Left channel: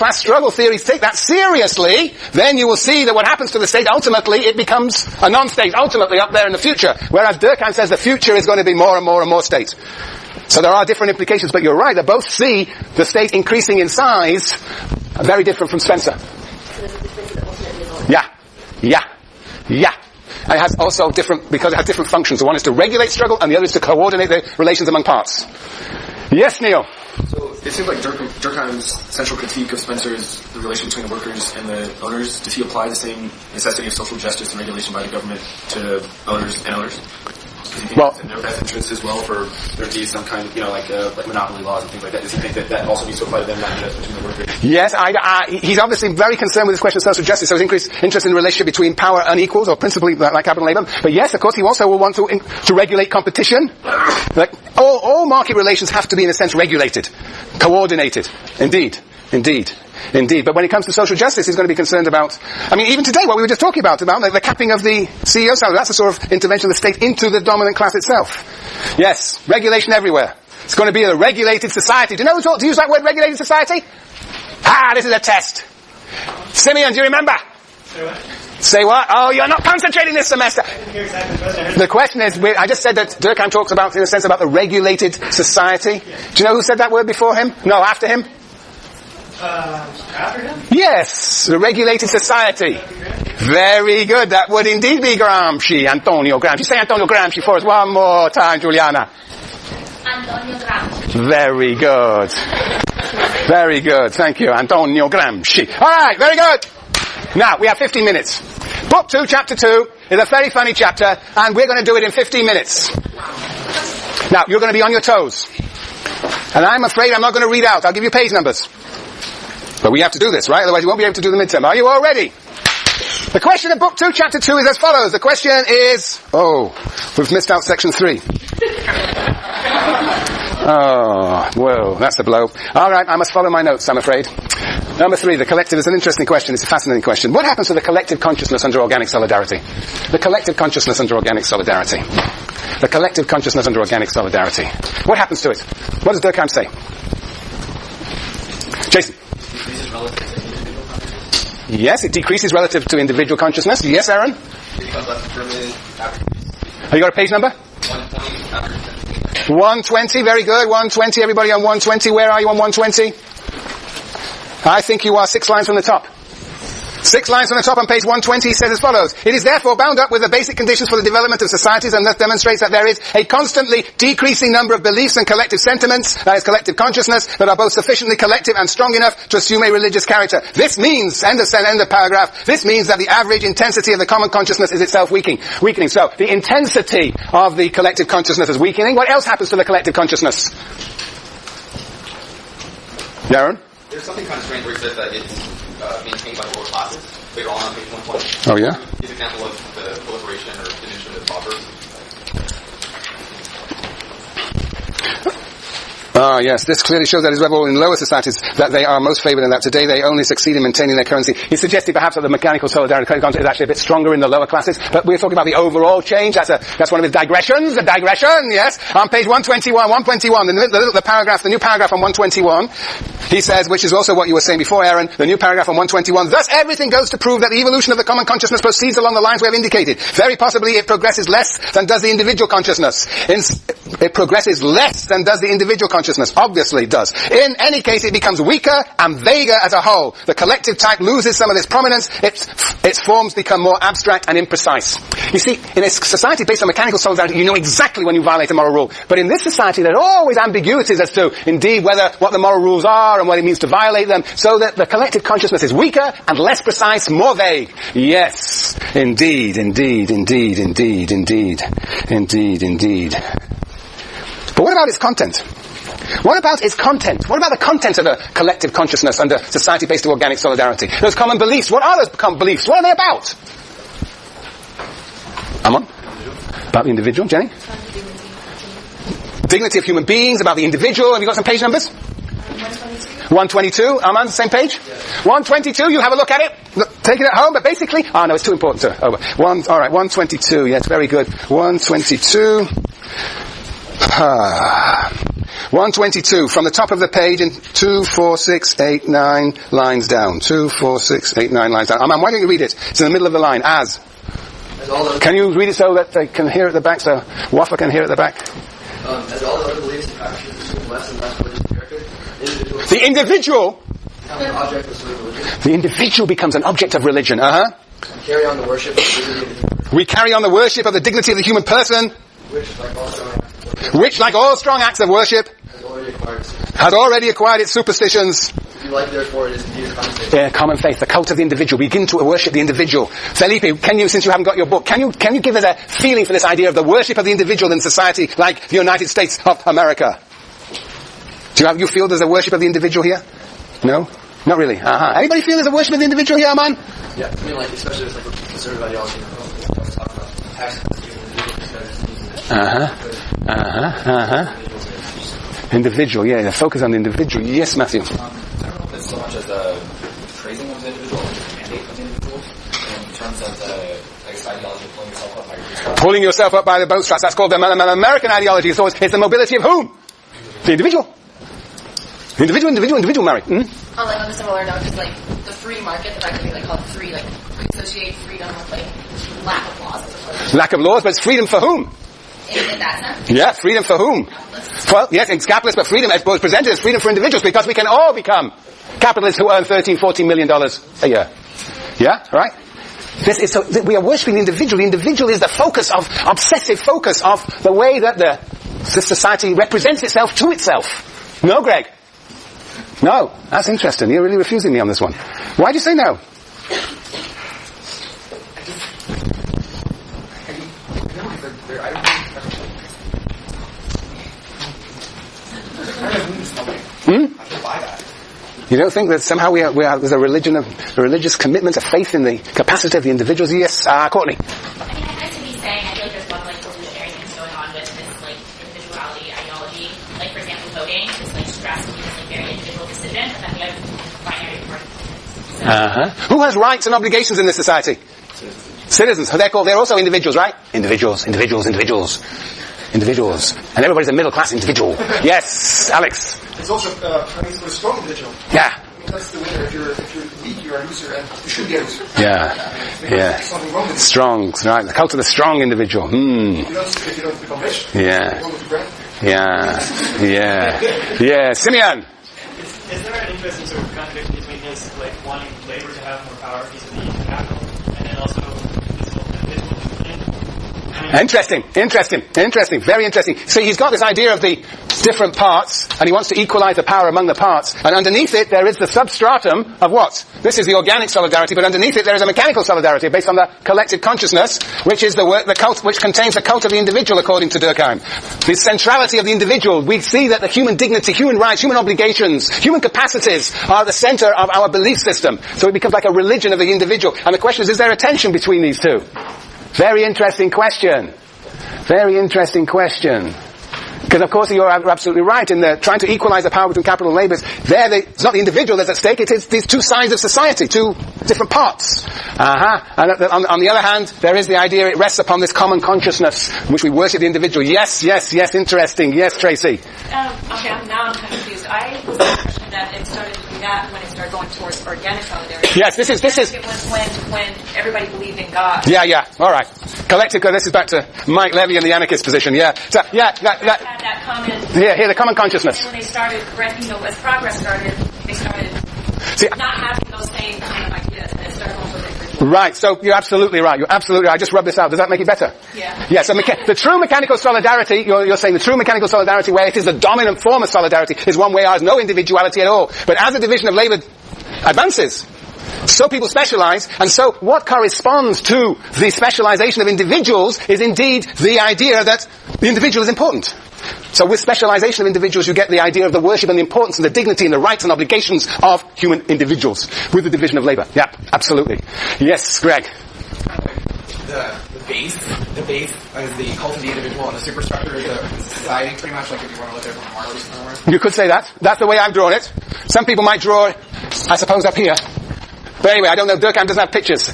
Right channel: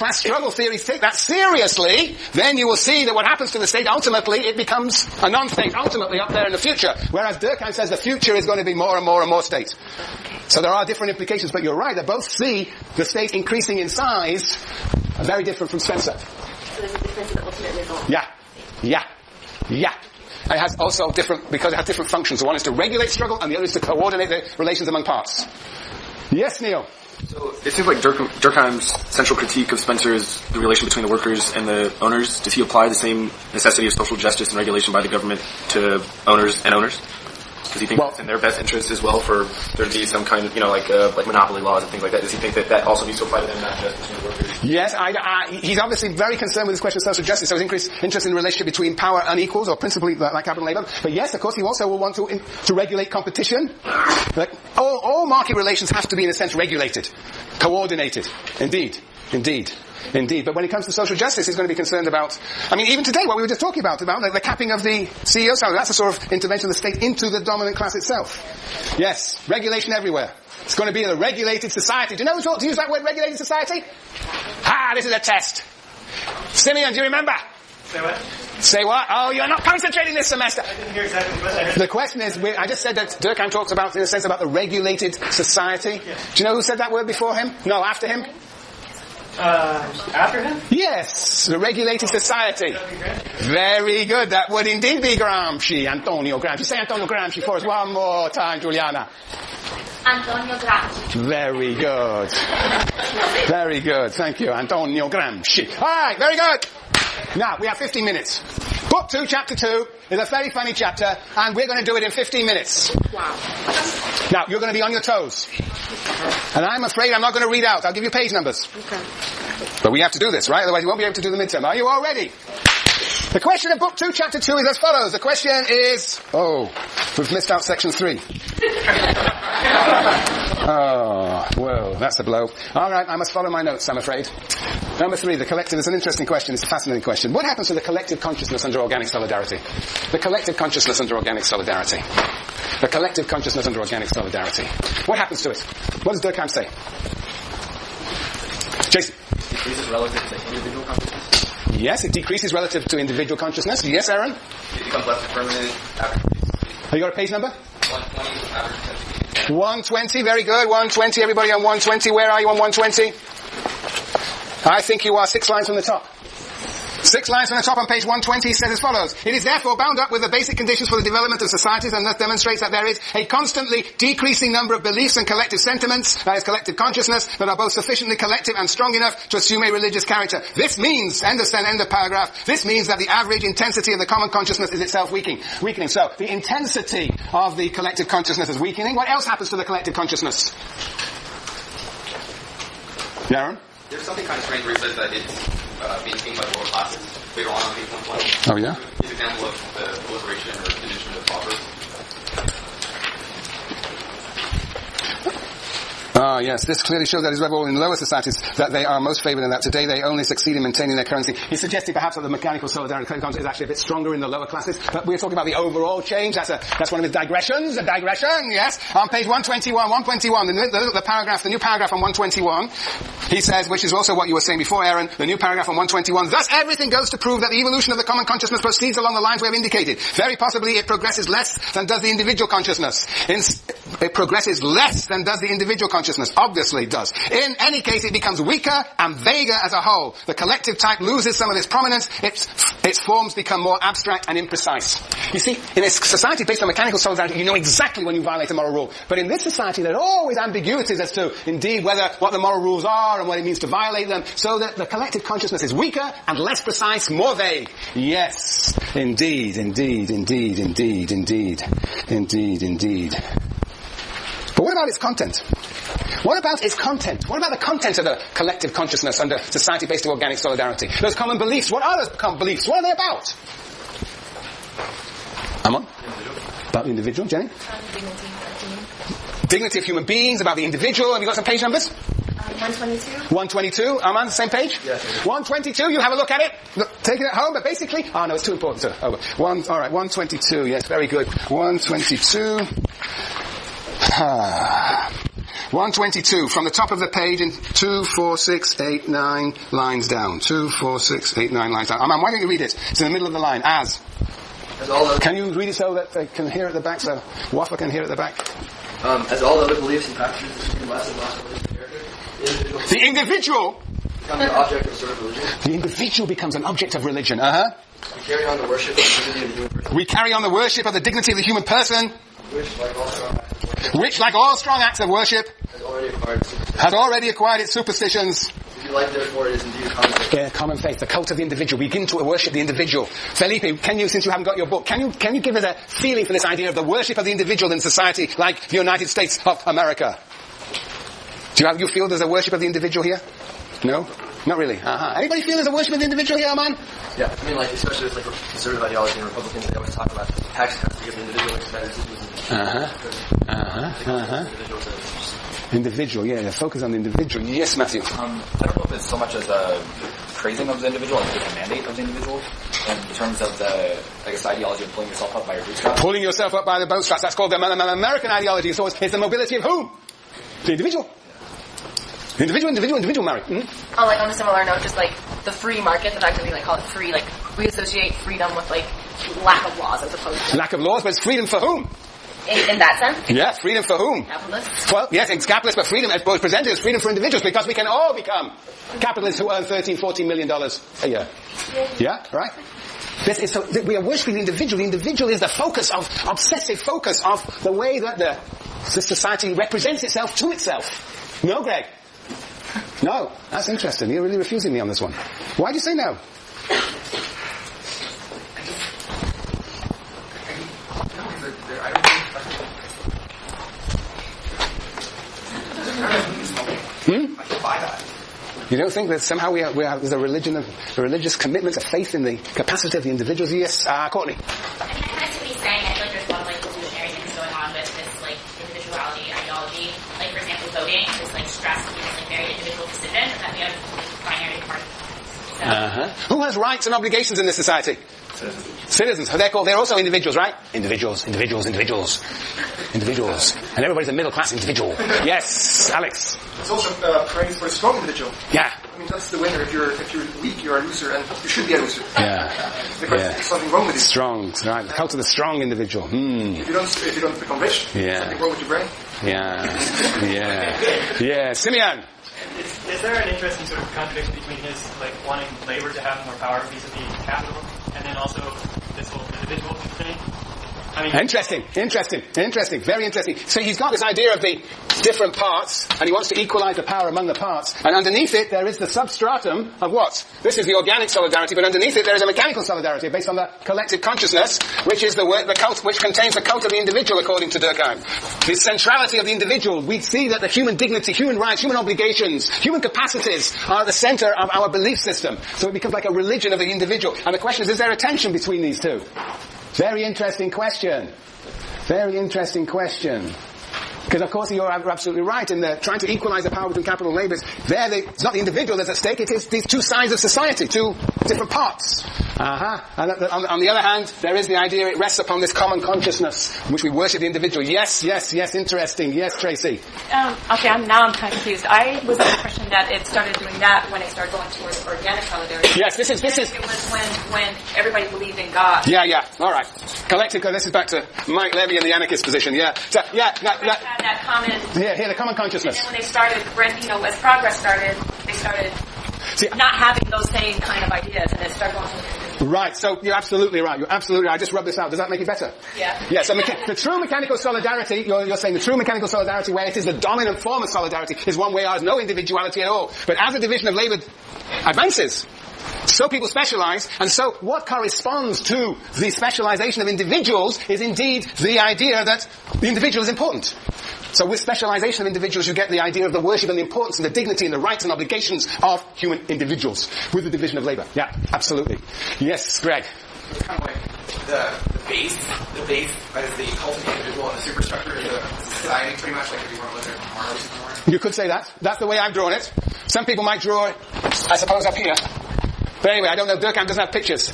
class struggle theories take that seriously, then you will see that what happens to the state, ultimately, it becomes a non-state, ultimately up there in the future. Whereas Durkheim says the future is going to be more and more and more state. So there are different implications, but you're right, that both see the state increasing in size, very different from Spencer. So there's a difference in the ultimate result. Yeah. And it has also because it has different functions. The one is to regulate struggle, and the other is to coordinate the relations among parts. Yes, Neil? So it seems like Durkheim's central critique of Spencer is the relation between the workers and the owners. Does he apply the same necessity of social justice and regulation by the government to owners and owners? Does he think it's in their best interest as well for there to be some kind of, like monopoly laws and things like that? Does he think that also needs to apply to them, not just between the workers? Yes, he's obviously very concerned with this question of social justice, so he's interested in the relationship between power and equals, or principally like capital and labor. But yes, of course, he also will want to regulate competition. Like, all market relations have to be, in a sense, regulated, coordinated. Indeed. But when it comes to social justice, he's going to be concerned about, even today, what we were just talking about the capping of the CEO salary. That's a sort of intervention of the state into the dominant class itself. Yes, regulation everywhere. It's going to be a regulated society. Do you know who taught to use that word, regulated society? This is a test. Simeon, do you remember? Say what? Say what? Oh, you're not concentrating this semester. I didn't hear exactly what I heard. The question is, I just said that Durkheim talks about, in a sense, about the regulated society. Yeah. Do you know who said that word before him? No, after him? After him? Yes, the regulated society. Very good. That would indeed be Gramsci, Antonio Gramsci. Say Antonio Gramsci for us one more time, Juliana. Antonio Gramsci. Very good. Very good. Thank you, Antonio Gramsci. All right, very good. Now, we have 15 minutes. Book 2, chapter 2 is a very funny chapter, and we're going to do it in 15 minutes. Now, you're going to be on your toes. And I'm afraid I'm not going to read out. I'll give you page numbers. But we have to do this, right? Otherwise you won't be able to do the midterm. Are you all ready? The question of book 2, chapter 2 is as follows. The question is... we've missed out section 3. Whoa, that's a blow. All right, I must follow my notes, I'm afraid. Number 3, the collective is an interesting question. It's a fascinating question. What happens to the collective consciousness under organic solidarity? The collective consciousness under organic solidarity. The collective consciousness under organic solidarity. What happens to it? What does Durkheim say? Jason? Decreases relative to individual consciousness? Yes, it decreases relative to individual consciousness. Yes, Aaron? It becomes less permanent after. Have you got a page number? 120 after 120, very good. 120, everybody on 120. Where are you on 120? I think you are 6 lines from the top. 6 lines from the top on page 120, he says as follows. It is therefore bound up with the basic conditions for the development of societies, and thus demonstrates that there is a constantly decreasing number of beliefs and collective sentiments, that is collective consciousness, that are both sufficiently collective and strong enough to assume a religious character. This means, end of paragraph, this means that the average intensity of the common consciousness is itself weakening. So, the intensity of the collective consciousness is weakening. What else happens to the collective consciousness? Darren? There's something kind of strange where he says that it's maintained by the lower classes. Later on page 120. Oh, yeah? His example of the proliferation or diminution of paupers. Yes, this clearly shows that it is rebel in lower societies that they are most favoured, and that today they only succeed in maintaining their currency. He suggested perhaps that the mechanical solidarity is actually a bit stronger in the lower classes, but we're talking about the overall change. That's one of his digressions. A digression, yes. On page 121, the paragraph, the new paragraph on 121, he says, which is also what you were saying before, Aaron, the new paragraph on 121, thus everything goes to prove that the evolution of the common consciousness proceeds along the lines we have indicated. Very possibly it progresses less than does the individual consciousness. It progresses less than does the individual consciousness. Obviously it does. In any case, it becomes weaker and vaguer as a whole. The collective type loses some of its prominence. Its forms become more abstract and imprecise. You see, in a society based on mechanical solidarity, you know exactly when you violate a moral rule. But in this society, there are always ambiguities as to, indeed, what the moral rules are and what it means to violate them, so that the collective consciousness is weaker and less precise, more vague. Yes, indeed. But what about its content? What about its content? What about the content of the collective consciousness under society based on organic solidarity? Those common beliefs. What are those common beliefs? What are they about? Amon? About the individual. Jenny? Dignity of human beings, about the individual. Have you got some page numbers? 122. 122. Aman, same page? Yes. 122, you have a look at it. Take it at home, but basically... no, it's too important to... Alright, 122. Yes, very good. 122. 122, from the top of the page in 2, 4, 6, 8, 9 lines down. 2, 4, 6, 8, 9 lines down. Why don't you read it? It's in the middle of the line. As can you read it so that they can hear at the back, so Wafa can hear at the back? As all other beliefs and practices become less and less religious character, The individual becomes an object of sort of religion. The individual becomes an object of religion. We carry on the worship of the dignity of the human person. We carry on the worship of the dignity of the human person, Which, like all strong acts of worship, which, like all strong acts of worship, has already acquired its superstitions. If you like, therefore, it is indeed a common faith. Yeah, common faith, the cult of the individual. We begin to worship the individual. Felipe, can you, since you haven't got your book, can you give us a feeling for this idea of the worship of the individual in society like the United States of America? Do you feel there's a worship of the individual here? No? Not really. Anybody feel there's a worship of the individual here, man? Yeah, I mean, like, especially with, like, conservative ideology and Republicans, they always talk about tax cuts to give the individual Individual, yeah, the focus on the individual. Yes, Matthew. I don't know if it's so much as a praising of the individual, or a mandate of the individual, in terms of the, I guess, ideology of pulling yourself up by your bootstraps. Pulling yourself up by the bootstraps. That's called the American ideology. So it's the mobility of whom? The individual. Individual, Mary. Oh, like on a similar note, just like the free market, the fact that we like call it free, like we associate freedom with like lack of laws as opposed to Lack of laws, but it's freedom for whom? in that sense. Yeah, freedom for whom? Capitalists. Well, yes, it's capitalist, but freedom as presented as freedom for individuals, because we can all become capitalists who earn $13-14 million a year. Yeah, right? We are worshipping the individual. The individual is the focus of, obsessive focus of the way that the society represents itself to itself. No, Greg? No, that's interesting. You're really refusing me on this one. Why do you say no? You don't think that somehow there's a religious commitment, a faith in the capacity of the individuals? Yes, Courtney. I mean, I kind of could be saying, I feel like there's a lot of like illusionary things going on with this like individuality ideology. Like for example, voting is like stressed to be this like very individual decision, and then the other binary part. So, Who has rights and obligations in this society? Citizens. They're also individuals, right? Individuals. And everybody's a middle class individual. Yes, Alex. It's also praise for a strong individual. Yeah. I mean, that's the winner. If you're weak, you're a loser, and you should be a loser. Yeah. There's something wrong with you. Strong, right? The cult of the strong individual. If you don't become rich, Yeah. something wrong with your brain. Yeah. Simeon. Is there an interesting sort of contradiction between his like wanting labor to have more power vis-a-vis capital, and then also this whole individual thing? I mean, Interesting, very interesting. So he's got this idea of the different parts, and he wants to equalize the power among the parts, and underneath it there is the substratum of what? This is the organic solidarity, but underneath it there is a mechanical solidarity based on the collective consciousness, which is the cult, which contains the cult of the individual, according to Durkheim. The centrality of the individual. We see that the human dignity, human rights, human obligations, human capacities are at the center of our belief system. So it becomes like a religion of the individual. And the question is there a tension between these two? Very interesting question. Because, of course, you're absolutely right in trying to equalize the power between capital and labor. It's not the individual that's at stake, it is these two sides of society, two different parts. And on the other hand, there is the idea it rests upon this common consciousness in which we worship the individual. Yes, interesting. Yes, Tracy. Okay, I'm kind of confused. I was the impression that it started doing that when it started going towards organic solidarity. Yes, this is. It was when everybody believed in God. Yeah. All right. Collective. This is back to Mike Levy and the anarchist position. Yeah. So That common. Yeah, the common consciousness. And then when they started, as progress started, they started not having those same kind of ideas, and it started going towards individual. Right. So you're absolutely right. I just rubbed this out. Does that make it better? Yeah. Yes. So the true mechanical solidarity, you're saying the true mechanical solidarity, where it is the dominant form of solidarity, is one where there is no individuality at all. But as the division of labor advances, so people specialize, and so what corresponds to the specialization of individuals is indeed the idea that the individual is important. So with specialization of individuals, you get the idea of the worship and the importance and the dignity and the rights and obligations of human individuals with the division of labor. Yeah, absolutely. Yes, Greg. It's kind of like the base is the cult of the individual, and the superstructure is the society, pretty much like if you want to look at it from somewhere. You could say that. That's the way I've drawn it. Some people might draw it, I suppose, up here. But anyway, I don't know. Durkheim doesn't have pictures.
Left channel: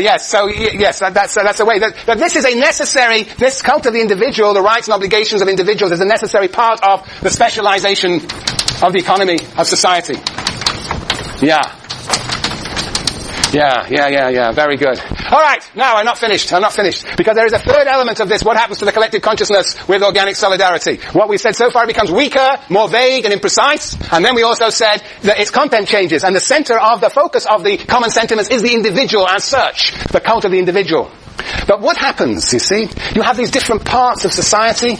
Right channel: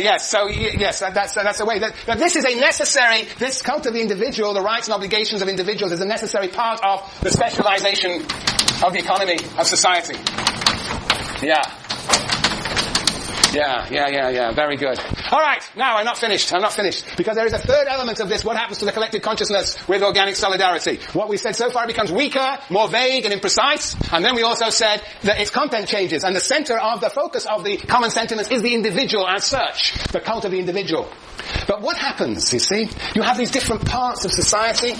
Yes. So yes, that's the way. That this is a necessary. This cult of the individual, the rights and obligations of individuals, is a necessary part of the specialization of the economy of society. Yeah. Very good. All right. Now, I'm not finished. Because there is a third element of this. What happens to the collective consciousness with organic solidarity? What we've said so far becomes weaker, more vague and imprecise. And then we also said that its content changes. And the center of the focus of the common sentiments is the individual as such. The cult of the individual. But what happens, you see? You have these different parts of society.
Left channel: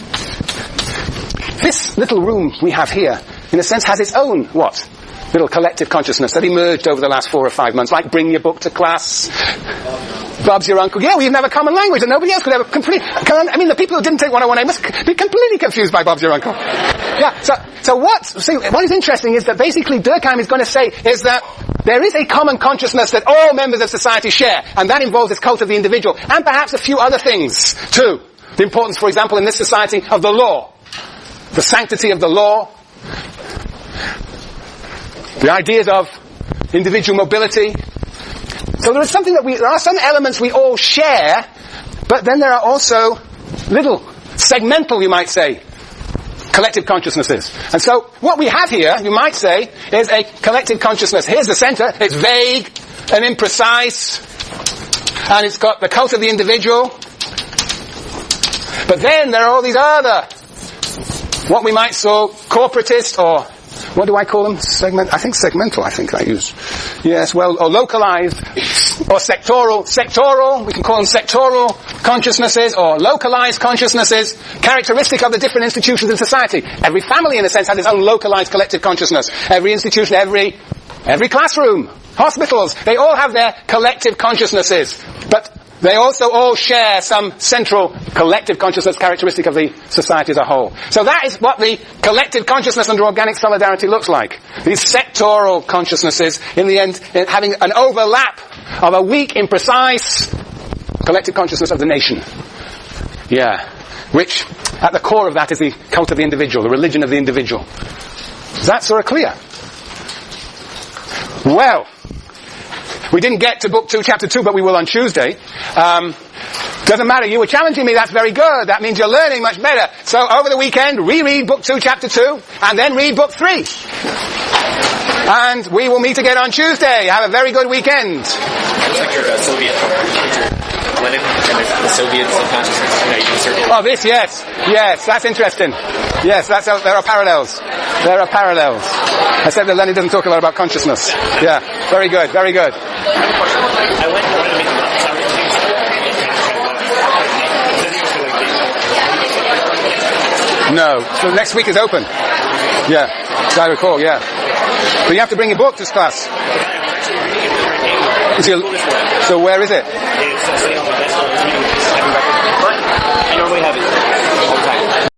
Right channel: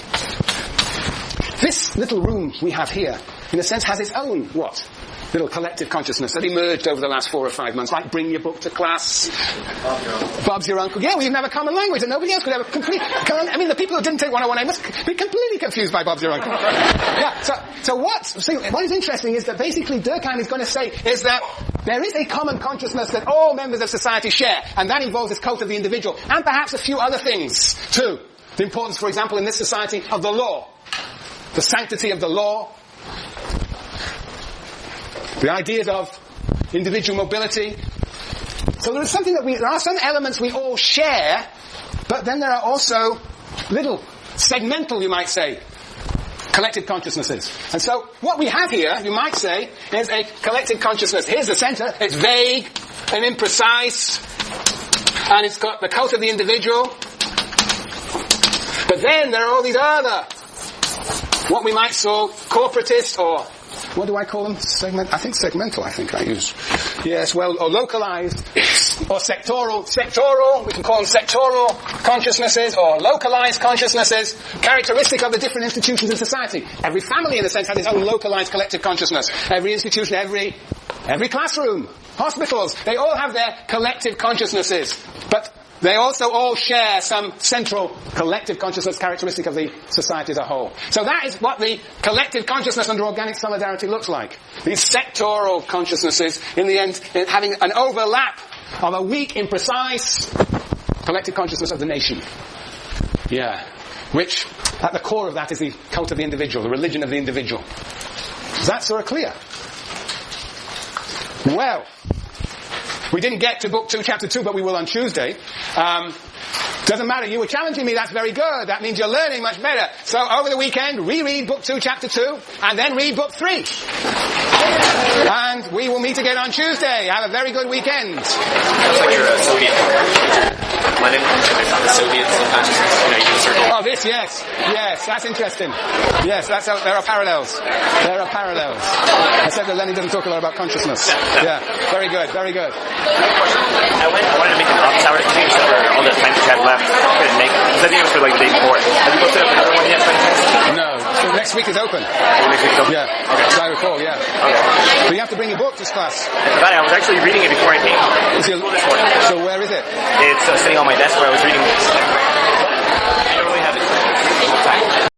This little room we have here, in a sense, has its own, what? Little collective consciousness that emerged over the last 4 or 5 months, like bring your book to class, Bob's your uncle. Yeah, we even have a common language that nobody else could ever the people who didn't take 101A must be completely confused by Bob's your uncle. Yeah, so what is interesting is that basically Durkheim is going to say is that there is a common consciousness that all members of society share, and that involves this cult of the individual, and perhaps a few other things too. The importance, for example, in this society of the law, the sanctity of the law, the ideas of individual mobility. So there are some elements we all share, but then there are also little, segmental, you might say, collective consciousnesses. And so what we have here, you might say, is a collective consciousness. Here's the center. It's vague and imprecise, and it's got the cult of the individual. But then there are all these other, what we might call corporatist, or what do I call them? I think segmental, I use. Yes, well, or localized, or sectoral, we can call them sectoral consciousnesses, or localized consciousnesses, characteristic of the different institutions in society. Every family, in a sense, has its own localized collective consciousness. Every institution, every classroom, hospitals, they all have their collective consciousnesses. But they also all share some central collective consciousness characteristic of the society as a whole. So that is what the collective consciousness under organic solidarity looks like. These sectoral consciousnesses, in the end, having an overlap of a weak, imprecise collective consciousness of the nation. Yeah. Which, at the core of that, is the cult of the individual, the religion of the individual. Is that sort of clear? Well, we didn't get to Book 2, Chapter 2, but we will on Tuesday. Doesn't matter. You were challenging me. That's very good. That means you're learning much better. So over the weekend, reread Book 2, Chapter 2, and then read Book 3. And we will meet again on Tuesday. Have a very good weekend. Looks like you're a Soviet. Lenin and the Soviet subconsciousness. You can circle. Oh, this, yes. Yes, that's interesting. Yes, there are parallels. Except that Lenin doesn't talk a lot about consciousness. Yeah, very good. I wanted to make an off-tower exchange for all the time we had left. I think it was for like day 4. Have you go set up another one yet? No. So next week is open. Yeah. As I recall, yeah. But you have to bring your book to class. I was actually reading it before I came to school this morning. So where is it? It's sitting on my desk where I was reading it.